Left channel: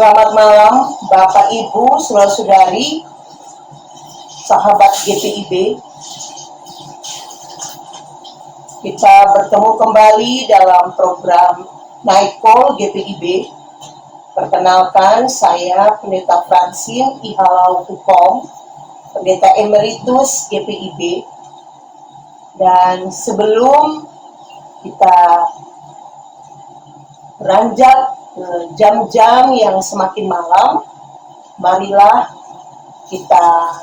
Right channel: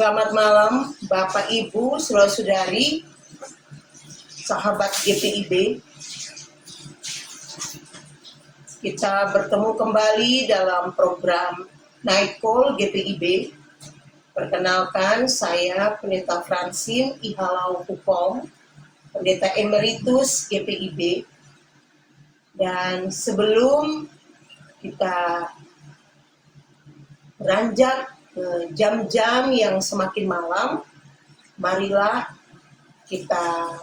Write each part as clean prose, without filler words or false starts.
Selamat malam Bapak Ibu, saudara-saudari, sahabat GPIB. Kita bertemu kembali dalam program Night Call GPIB. Perkenalkan, saya Pendeta Francine Ihalau Hukom, Pendeta Emeritus GPIB. Dan sebelum kita beranjak ke jam-jam yang semakin malam, marilah kita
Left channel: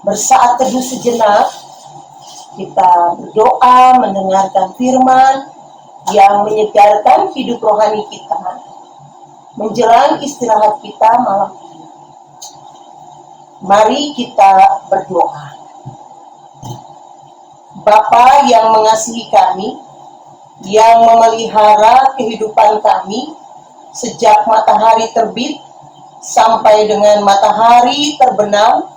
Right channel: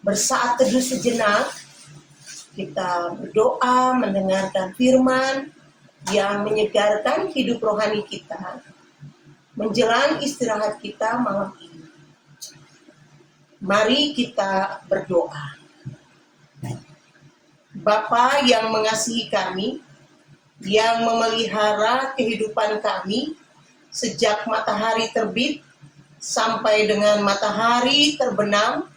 bersaat teduh sejenak, kita berdoa mendengarkan firman yang menyegarkan hidup rohani kita menjelang istirahat kita malam ini. Mari kita berdoa. Bapa yang mengasihi kami, yang memelihara kehidupan kami sejak matahari terbit sampai dengan matahari terbenam,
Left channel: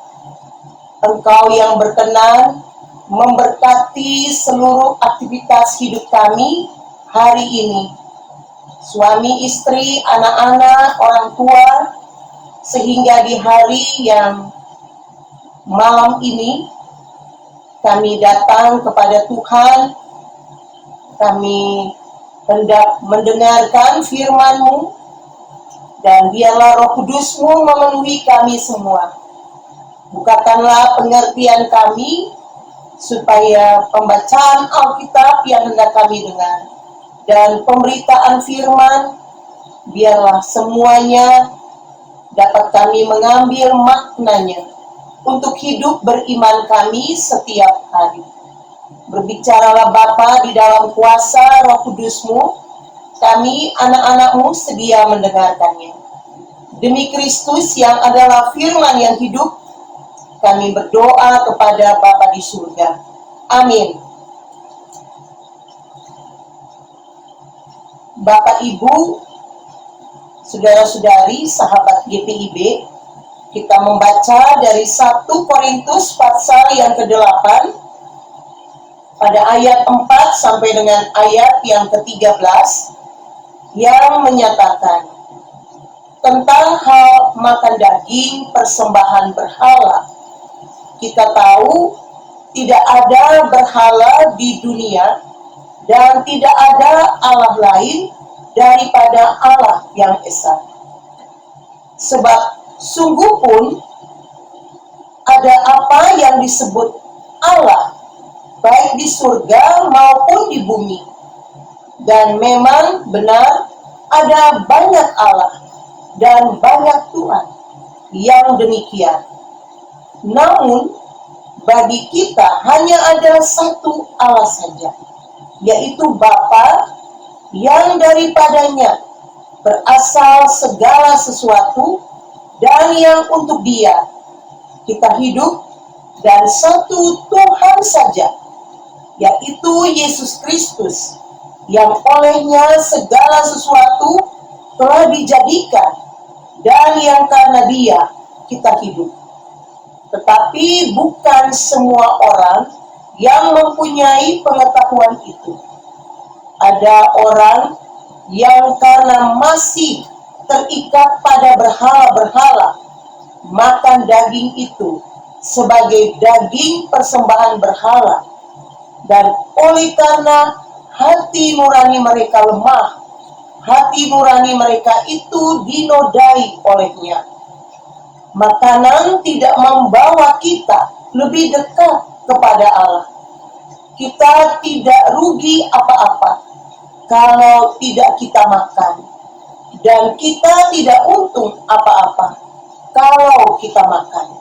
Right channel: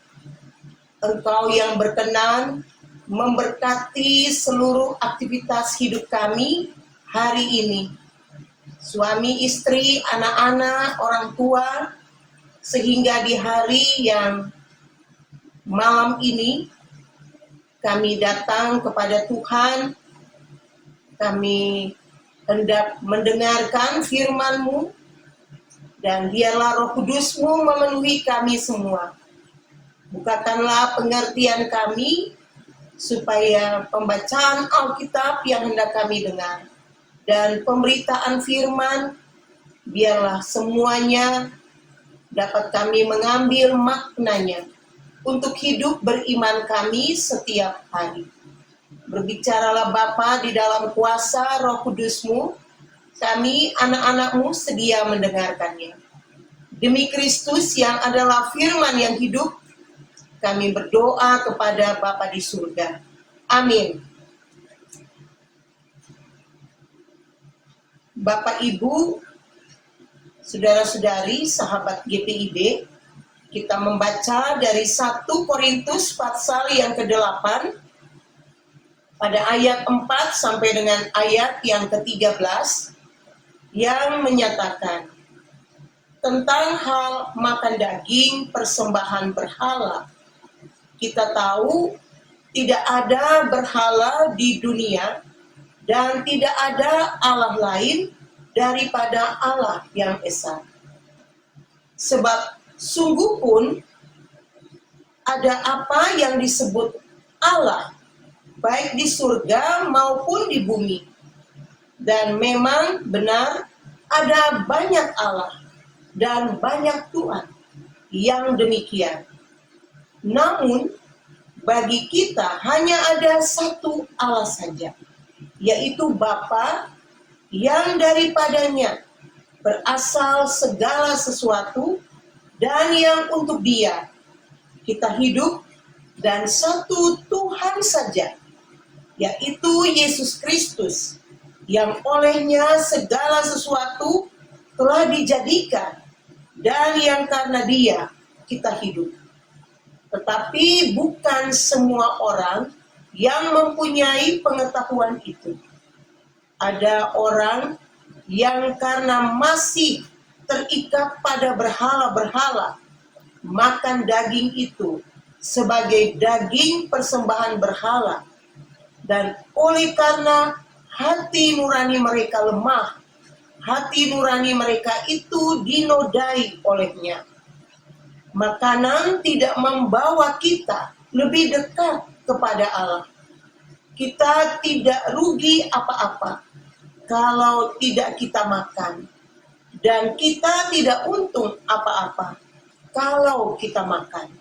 Engkau yang berkenan memberkati seluruh aktivitas hidup kami hari ini. Suami, istri, anak-anak, orang tua, sehingga di hari yang malam ini kami datang kepada Tuhan. Kami hendak mendengarkan firman-Mu, dan biarlah Roh Kudus-Mu memenuhi kami semua. Bukakanlah pengertian kami, supaya pembacaan Alkitab yang hendak kami dengar, dan pemberitaan firman, biarlah semuanya dapat kami mengambil maknanya, untuk hidup beriman kami setiap hari. Berbicaralah Bapa di dalam kuasa Roh Kudus-Mu, kami anak-anak-Mu sedia mendengarkannya. Demi Kristus yang adalah firman yang hidup, kami berdoa kepada Bapa di surga. Amin. Bapak Ibu, saudara-saudari, sahabat GPIB, kita membaca dari 1 Korintus pasal yang ke-8, pada ayat 4 sampai dengan ayat yang ke-13 yang menyatakan tentang hal makan daging persembahan berhala. Kita tahu tidak ada berhala di dunia dan tidak ada Allah lain daripada Allah yang esa. Sebab sungguh pun ada apa yang disebut Allah, baik di surga maupun di bumi. Dan memang benar ada banyak Allah dan banyak Tuhan yang demikian. Namun bagi kita hanya ada satu Allah saja, yaitu Bapa, yang daripadanya berasal segala sesuatu dan yang untuk Dia kita hidup, dan satu Tuhan saja, yaitu Yesus Kristus, yang olehnya segala sesuatu telah dijadikan, dan yang karena Dia kita hidup. Tetapi bukan semua orang yang mempunyai pengetahuan itu. Ada orang yang karena masih terikat pada berhala-berhala, makan daging itu sebagai daging persembahan berhala. Dan oleh karena hati nurani mereka lemah, hati nurani mereka itu dinodai olehnya. Makanan tidak membawa kita lebih dekat kepada Allah. Kita tidak rugi apa-apa kalau tidak kita makan, dan kita tidak untung apa-apa kalau kita makan.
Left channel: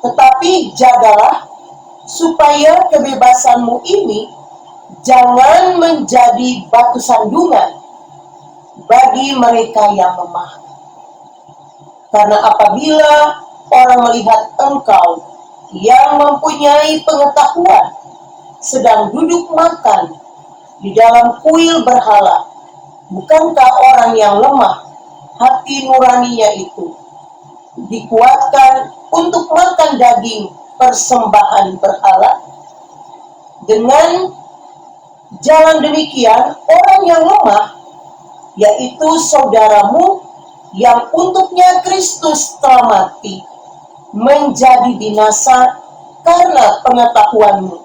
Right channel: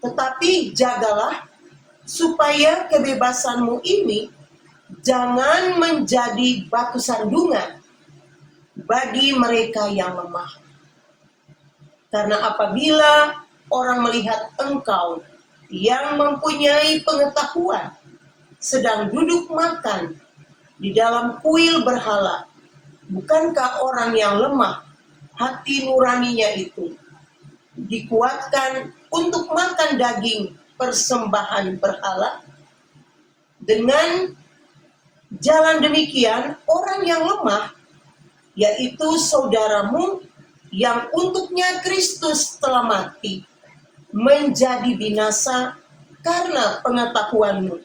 Tetapi jagalah supaya kebebasanmu ini jangan menjadi batu sandungan bagi mereka yang lemah. Karena apabila orang melihat engkau yang mempunyai pengetahuan sedang duduk makan di dalam kuil berhala, bukankah orang yang lemah hati nuraninya itu dikuatkan untuk makan daging persembahan berhala? Dengan jalan demikian, orang yang lemah, yaitu saudaramu, yang untuknya Kristus telah mati, menjadi binasa karena pengetahuanmu.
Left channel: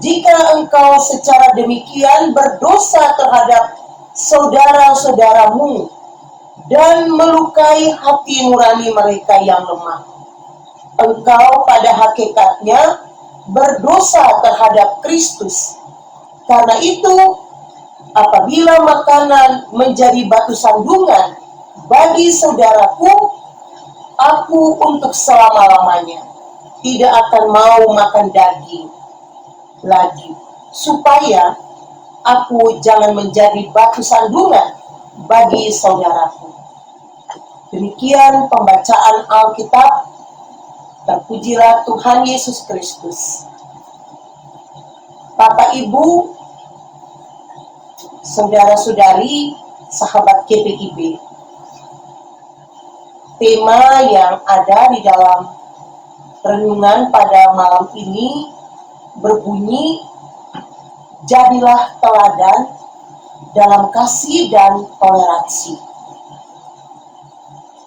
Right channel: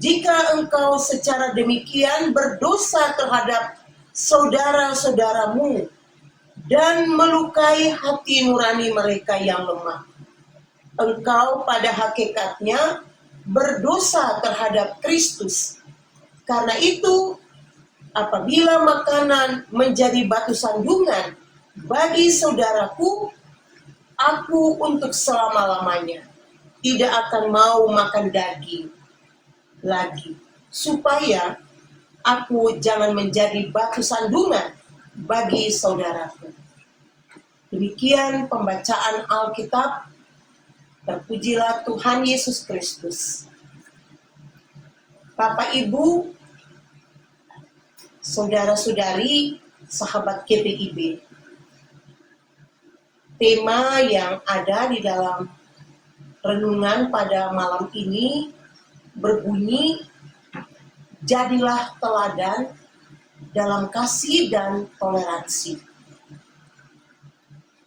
Jika engkau secara demikian berdosa terhadap saudara-saudaramu dan melukai hati nurani mereka yang lemah, engkau pada hakikatnya berdosa terhadap Kristus. Karena itu, apabila makanan menjadi batu sandungan bagi saudaraku, aku untuk selama-lamanya tidak akan mau makan daging lagi, supaya aku jangan menjadi batu sandungan bagi saudaraku. Demikian pembacaan Alkitab. Terpujilah Tuhan Yesus Kristus. Bapak, Ibu, saudara-saudari, sahabat GPIB, tema yang ada di dalam renungan pada malam ini berbunyi, jadilah teladan dalam kasih dan toleransi.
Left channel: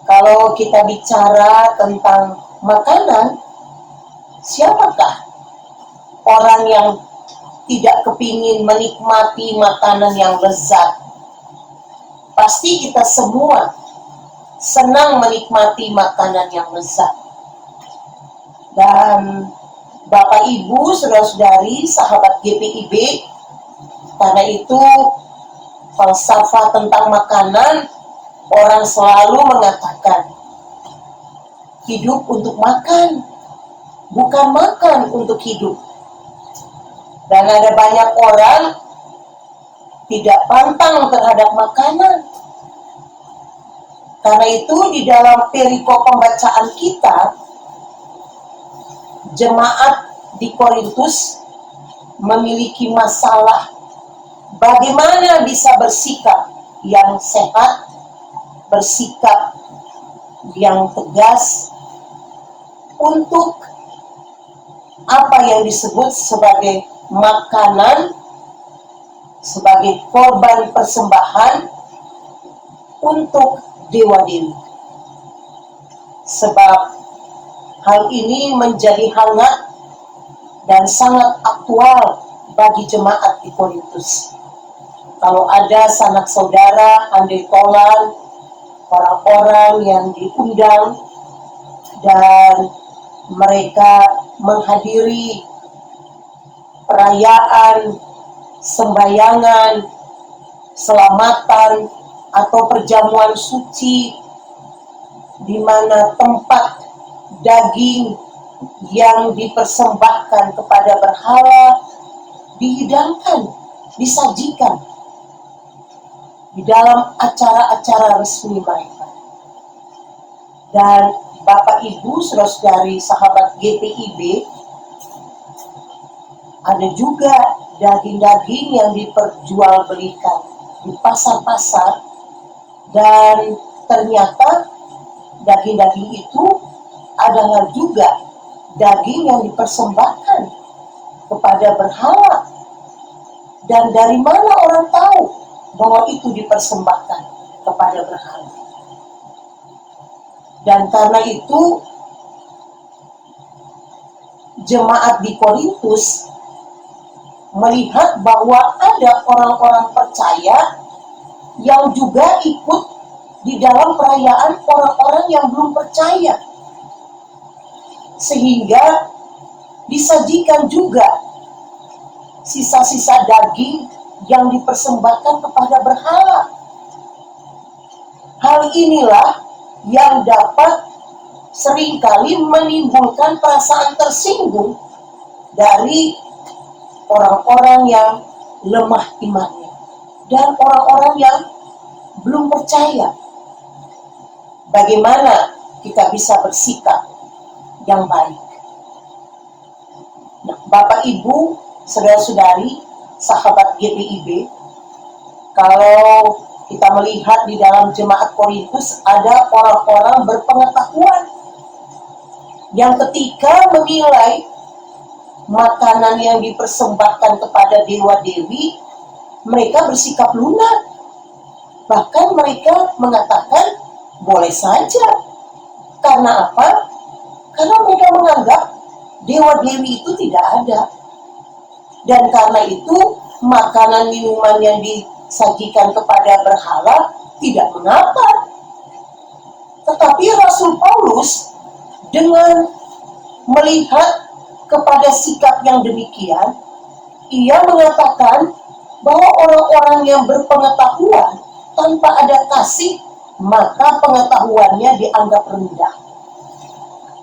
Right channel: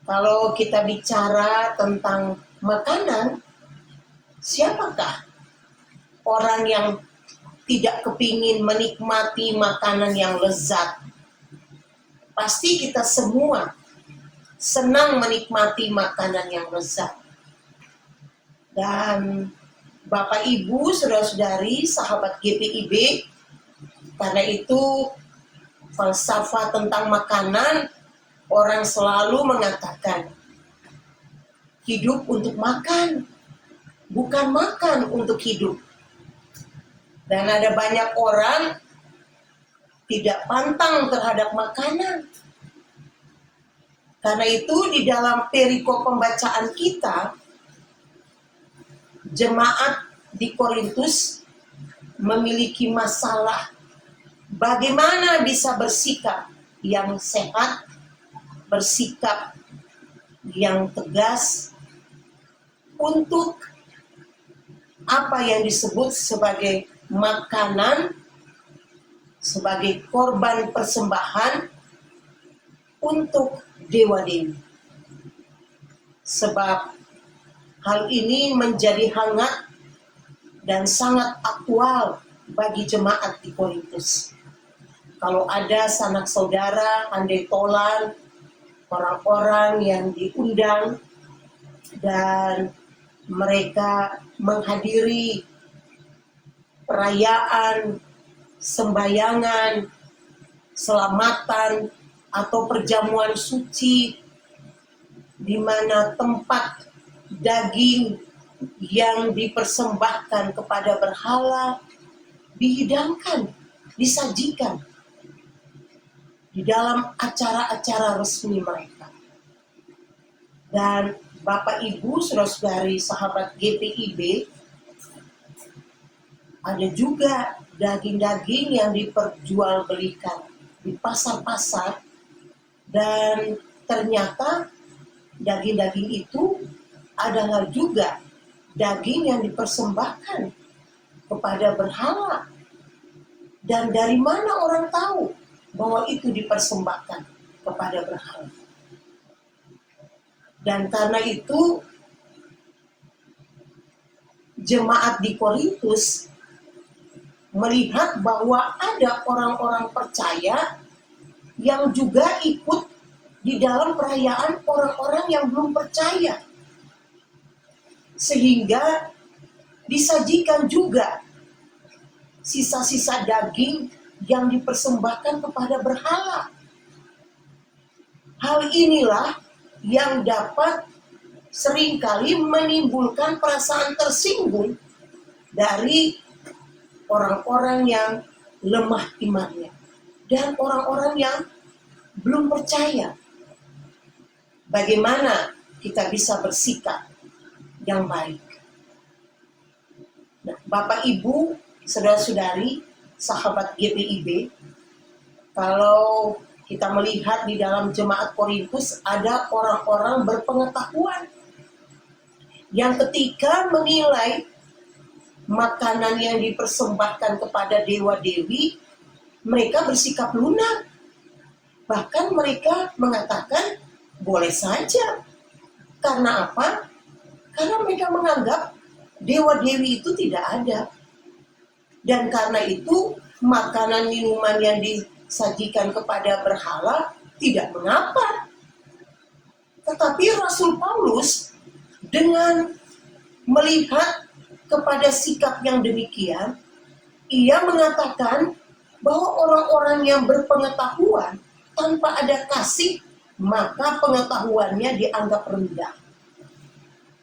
Kalau kita bicara tentang makanan, siapakah orang yang tidak kepingin menikmati makanan yang lezat? Pasti kita semua senang menikmati makanan yang lezat. Dan Bapak, Ibu, saudara-saudari, sahabat GPIB, karena itu falsafah tentang makanan, orang selalu mengatakan, hidup untuk makan, bukan makan untuk hidup. Dan ada banyak orang tidak pantang terhadap makanan. Karena itu di dalam perikop pembacaan kita, jemaat di Korintus memiliki masalah bagaimana bisa bersikap yang sehat, bersikap yang tegas untuk apa yang disebut sebagai makanan, sebagai korban persembahan untuk dewa-dewi. Sebab hal ini menjadi hangat dan sangat aktual bagi jemaat di Korintus. Kalau ada sanak saudara, andai tolan, orang-orang yang diundang dan mereka menghadiri perayaan, sembayangan, selamatan, atau perjamuan suci, di mana tempat daging yang dipersembahkan kepada berhala dihidangkan, disajikan di dalam acara-acara resmi mereka. Dan Bapak, Ibu, saudara-saudari, sahabat GPIB, ada juga daging-daging yang diperjualbelikan di pasar-pasar, dan ternyata daging-daging itu adalah juga daging yang dipersembahkan kepada berhala. Dan dari mana orang tahu bahwa itu dipersembahkan kepada berhala? Dan karena itu jemaat di Korintus melihat bahwa ada orang-orang percaya yang juga ikut di dalam perayaan orang-orang yang belum percaya, sehingga disajikan juga sisa-sisa daging yang dipersembahkan kepada berhala. Hal inilah yang dapat seringkali menimbulkan perasaan tersinggung dari orang-orang yang lemah imannya dan orang-orang yang belum percaya. Bagaimana kita bisa bersikap yang baik? Nah, Bapak, Ibu, saudara-saudari, sahabat GPIB, kalau kita melihat di dalam jemaat Korintus ada orang-orang berpengetahuan yang ketika menilai makanan yang dipersembahkan kepada dewa-dewi, mereka bersikap lunak. Bahkan mereka mengatakan Boleh saja. Karena apa? Karena mereka menganggap dewa-dewi itu tidak ada. Dan karena itu, makanan minuman yang disajikan kepada berhala tidak mengapa. Tetapi Rasul Paulus dengan melihat kepada sikap yang demikian, ia mengatakan bahwa orang-orang yang berpengetahuan tanpa ada kasih, maka pengetahuannya dianggap rendah.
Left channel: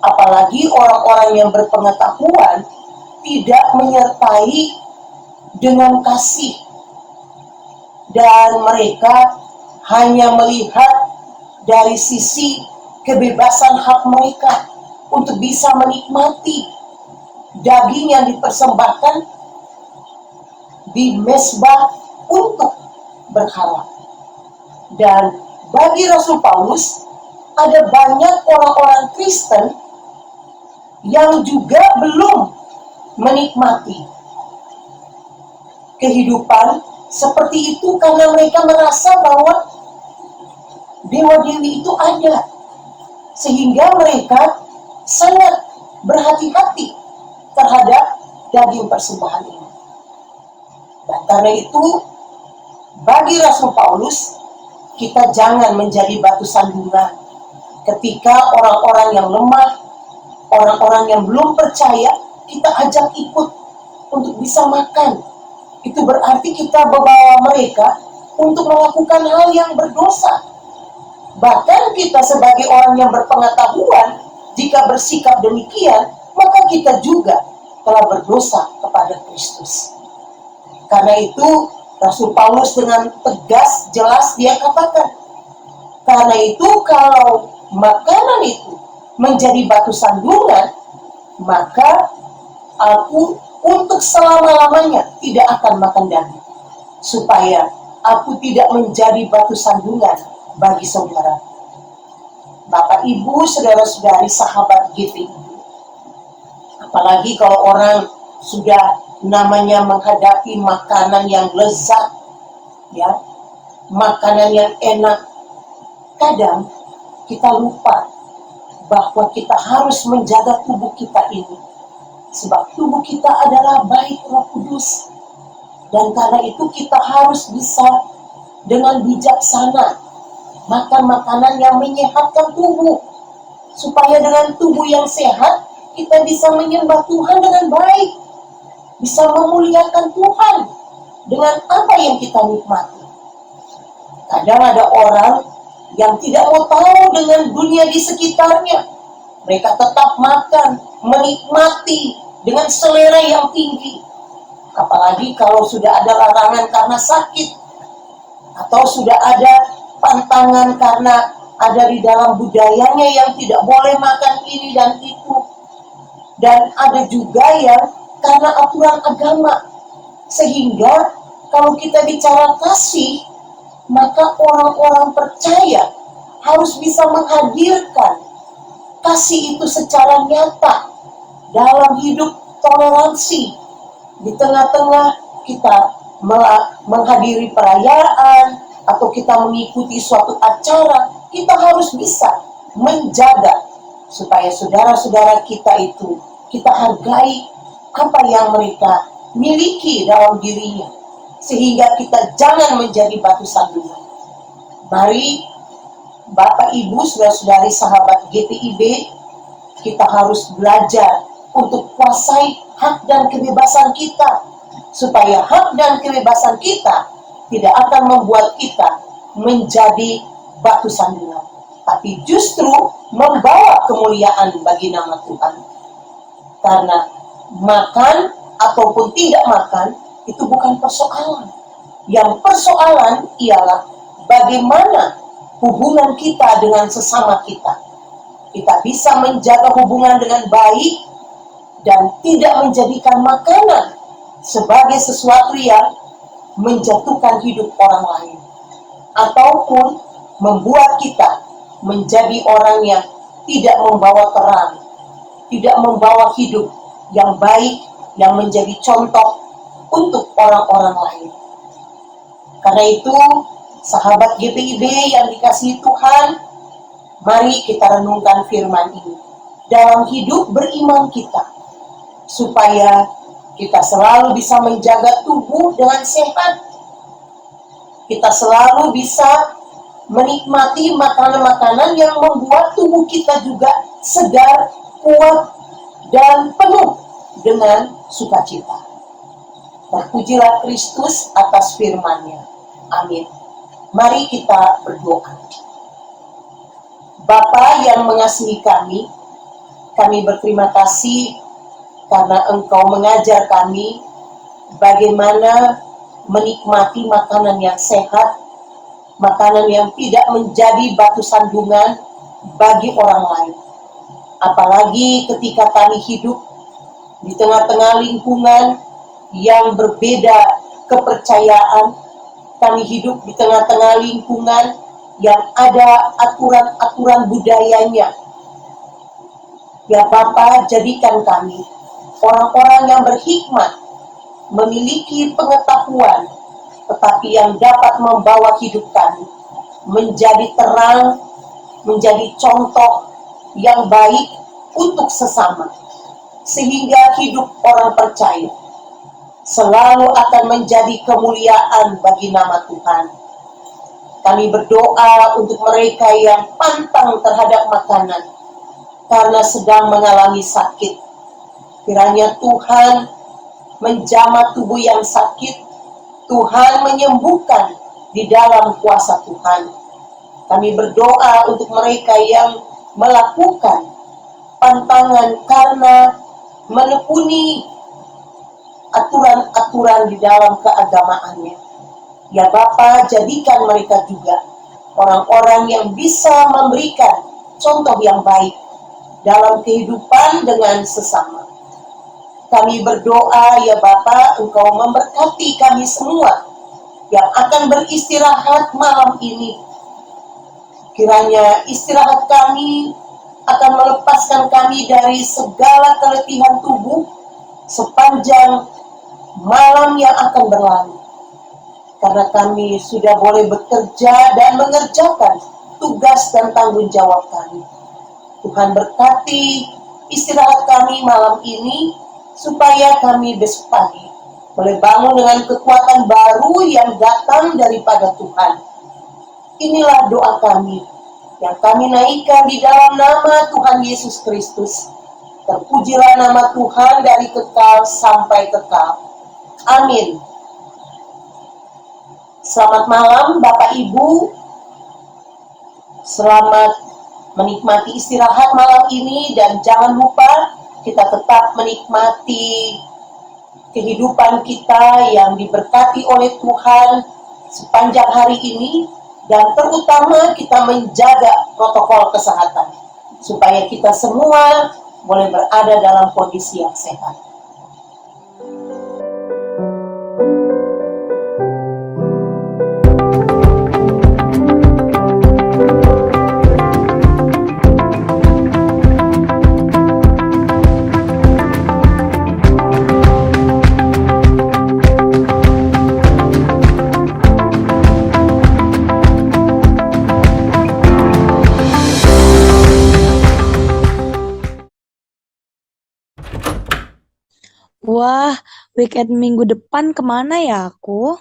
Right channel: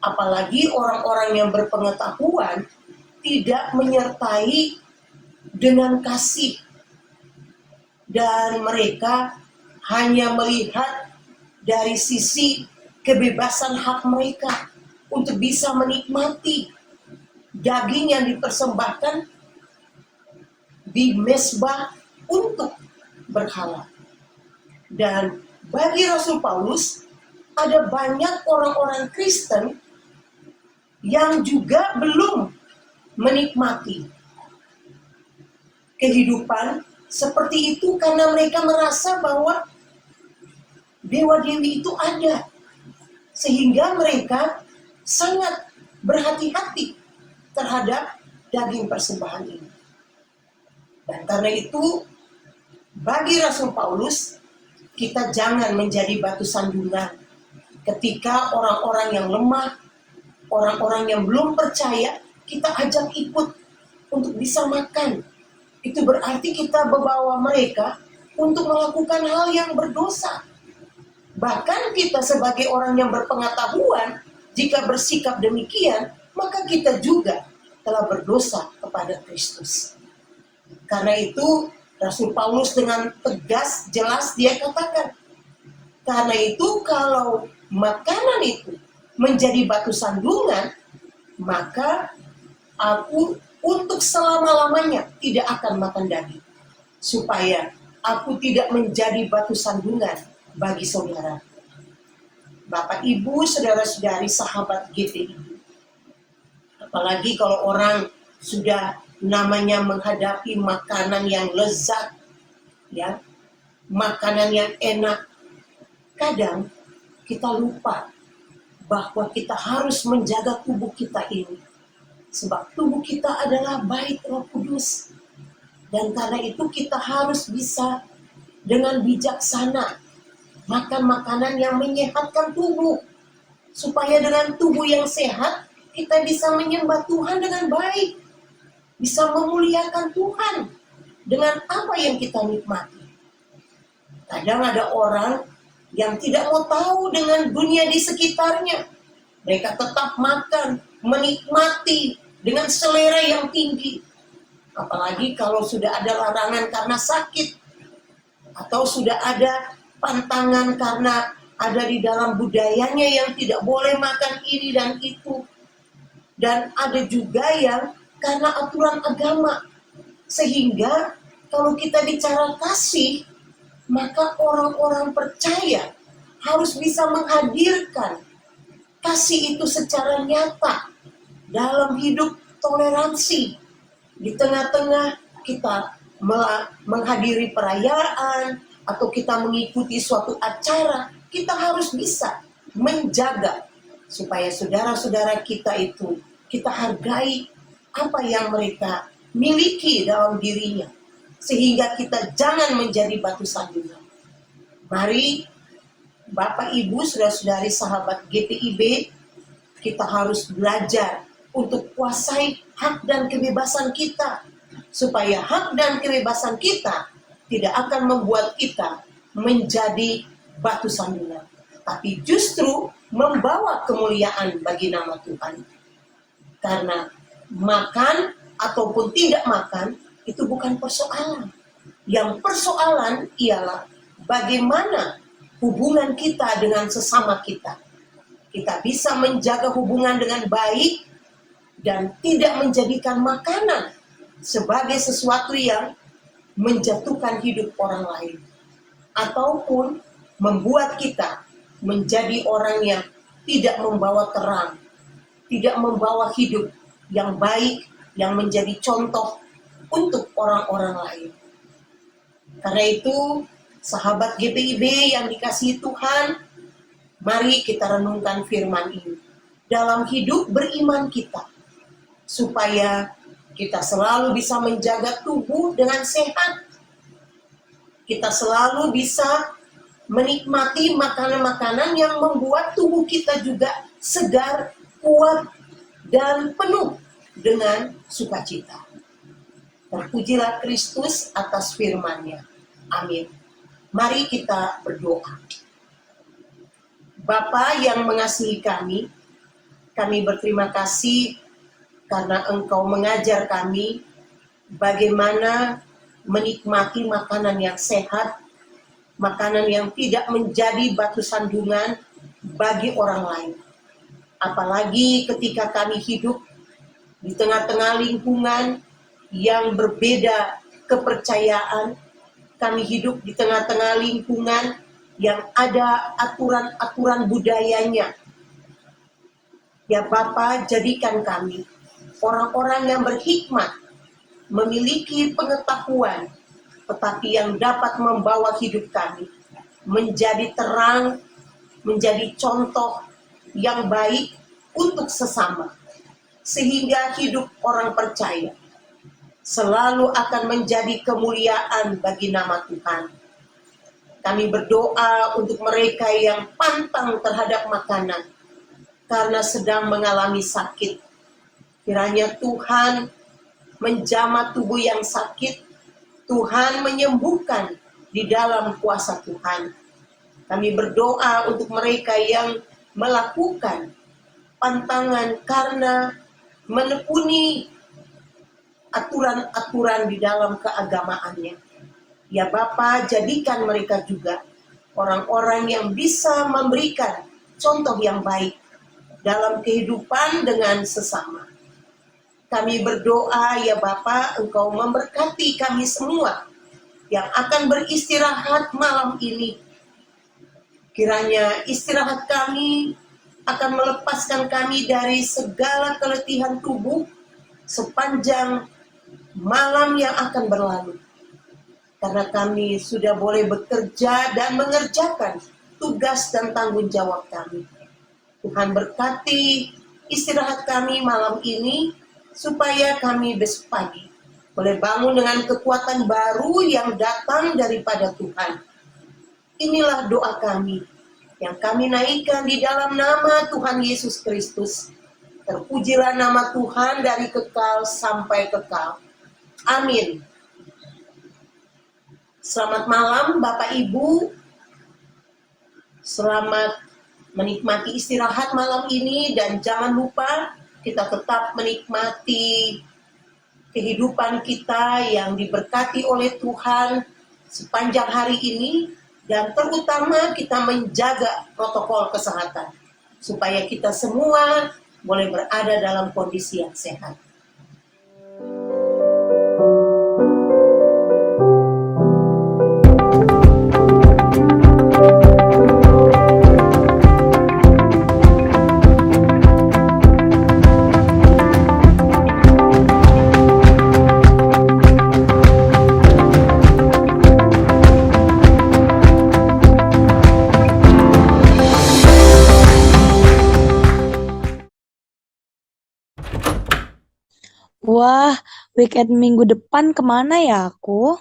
Apalagi orang-orang yang berpengetahuan tidak menyertai dengan kasih, dan mereka hanya melihat dari sisi kebebasan hak mereka untuk bisa menikmati daging yang dipersembahkan di mezbah untuk berhala. Dan bagi Rasul Paulus, ada banyak orang-orang Kristen yang juga belum menikmati kehidupan seperti itu karena mereka merasa bahwa dewa-dewi itu ada. Sehingga mereka sangat berhati-hati terhadap daging persembahan ini. Dan karena itu, bagi Rasul Paulus, kita jangan menjadi batu sandungan ketika orang-orang yang lemah, orang-orang yang belum percaya, kita ajak ikut untuk bisa makan. Itu berarti kita membawa mereka untuk melakukan hal yang berdosa. Bahkan kita sebagai orang yang berpengetahuan, jika bersikap demikian, maka kita juga telah berdosa kepada Kristus. Karena itu, Rasul Paulus dengan tegas, jelas dia katakan, karena itu kalau makanan itu menjadi batu sandungan, maka aku untuk selama-lamanya tidak akan makan daging, supaya aku tidak menjadi batu sandungan bagi saudara. Bapak, Ibu, saudara-saudari, sahabat GPI. Apalagi kalau orang sudah namanya menghadapi makanan yang lezat, ya, makanan yang enak, kadang kita lupa bahwa kita harus menjaga tubuh kita ini. Sebab tubuh kita adalah bait Roh Kudus. Dan karena itu kita harus bisa dengan bijaksana makan makanan yang menyehatkan tubuh. Supaya dengan tubuh yang sehat, kita bisa menyembah Tuhan dengan baik. Bisa memuliakan Tuhan dengan apa yang kita nikmati. Kadang ada orang yang tidak mau tahu dengan dunia di sekitarnya. Mereka tetap makan, menikmati dengan selera yang tinggi. Apalagi kalau sudah ada larangan karena sakit, atau sudah ada pantangan karena ada di dalam budayanya yang tidak boleh makan ini dan itu. Dan ada juga yang karena aturan agama. Sehingga kalau kita bicara kasih, maka orang-orang percaya harus bisa menghadirkan kasih itu secara nyata dalam hidup toleransi. Di tengah-tengah kita menghadiri perayaan atau kita mengikuti suatu acara, kita harus bisa menjaga supaya saudara-saudara kita itu kita hargai apa yang mereka miliki dalam dirinya, sehingga kita jangan menjadi batu sandungan. Mari Bapak, Ibu, saudara-saudari, sahabat GPIB, kita harus belajar untuk kuasai hak dan kebebasan kita, supaya hak dan kebebasan kita tidak akan membuat kita menjadi batu sandungan, tapi justru membawa kemuliaan bagi nama Tuhan. Karena makan ataupun tidak makan itu bukan persoalan. Yang persoalan ialah bagaimana hubungan kita dengan sesama kita. Kita bisa menjaga hubungan dengan baik dan tidak menjadikan makanan sebagai sesuatu yang menjatuhkan hidup orang lain, ataupun membuat kita menjadi orang yang tidak membawa terang, tidak membawa hidup yang baik, yang menjadi contoh untuk orang-orang lain. Karena itu, sahabat GPIB yang dikasihi Tuhan, Mari kita renungkan firman ini dalam hidup beriman kita, supaya kita selalu bisa menjaga tubuh dengan sehat. Kita selalu bisa menikmati makanan-makanan yang membuat tubuh kita juga segar, kuat, dan penuh dengan sukacita. Terpujilah Kristus atas firman-Nya. Amin. Mari kita berdoa. Bapa yang mengasihi kami berterima kasih karena Engkau mengajar kami bagaimana menikmati makanan yang sehat, makanan yang tidak menjadi batu sandungan bagi orang lain. Apalagi ketika kami hidup di tengah-tengah lingkungan yang berbeda kepercayaan, kami hidup di tengah-tengah lingkungan yang ada aturan-aturan budayanya. Ya Bapa, jadikan kami orang-orang yang berhikmat, memiliki pengetahuan, tetapi yang dapat membawa hidup kami menjadi terang, menjadi contoh yang baik untuk sesama, sehingga hidup orang percaya selalu akan menjadi kemuliaan bagi nama Tuhan. Kami berdoa untuk mereka yang pantang terhadap makanan karena sedang mengalami sakit. Kiranya Tuhan menjamah tubuh yang sakit, Tuhan menyembuhkan di dalam kuasa Tuhan. Kami berdoa untuk mereka yang melakukan pantangan karena menekuni aturan-aturan di dalam keagamaannya. Ya Bapa, jadikan mereka juga orang-orang yang bisa memberikan contoh yang baik dalam kehidupan dengan sesama. Kami berdoa, ya Bapa, Engkau memberkati kami semua yang akan beristirahat malam ini. Kiranya istirahat kami akan melepaskan kami dari segala keletihan tubuh sepanjang malam yang akan berlalu. Karena kami sudah boleh bekerja dan mengerjakan tugas dan tanggung jawab kami. Tuhan berkati istirahat kami malam ini, supaya kami besok pagi boleh bangun dengan kekuatan baru yang datang daripada Tuhan. Inilah doa kami yang kami naikkan di dalam nama Tuhan Yesus Kristus. Terpujilah nama Tuhan dari kekal sampai kekal. Amin. Selamat malam Bapak Ibu. Selamat menikmati istirahat malam ini, dan jangan lupa kita tetap menikmati kehidupan kita yang diberkati oleh Tuhan sepanjang hari ini, dan terutama kita menjaga protokol kesehatan supaya kita semua boleh berada dalam kondisi yang sehat. Wah, weekend minggu depan kemana ya aku?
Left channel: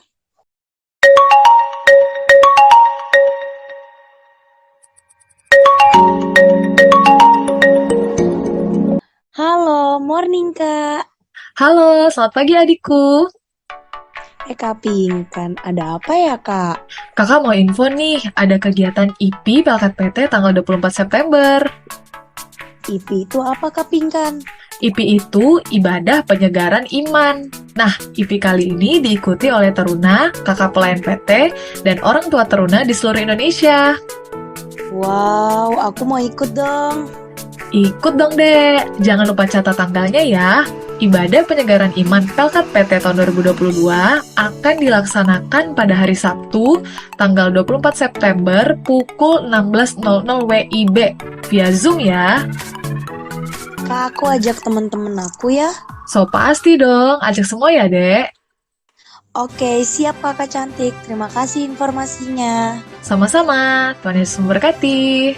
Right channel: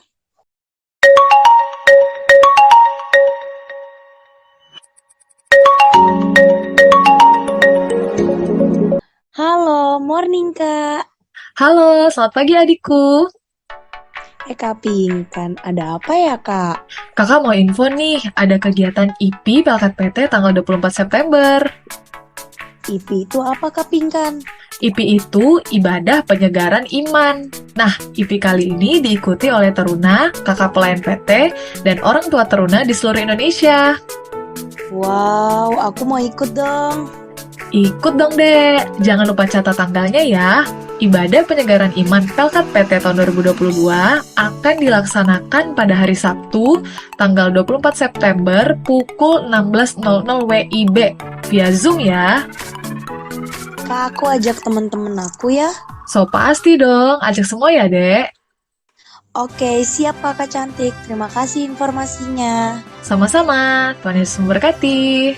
Halo, morning Kak. Halo, selamat pagi adikku. Kak Pinkan, ada apa ya Kak? Kakak mau info nih, ada kegiatan IP Pelkat PT tanggal 24 September. IP itu apa Kak Pinkan? IP itu ibadah penyegaran iman. Nah, IP kali ini diikuti oleh teruna, kakak pelayan PT, dan orang tua teruna di seluruh Indonesia. Wow, aku mau ikut dong. Ikut dong dek, jangan lupa catat tanggalnya ya. Ibadah penyegaran iman Pelkat PT tahun 2022 akan dilaksanakan pada hari Sabtu, tanggal 24 September pukul 16.00 WIB via Zoom ya. Kak, aku ajak teman-teman aku ya. So pasti dong, ajak semua ya dek. Oke, siap Kakak cantik. Terima kasih informasinya. Sama-sama, Tuhan Yesus memberkati.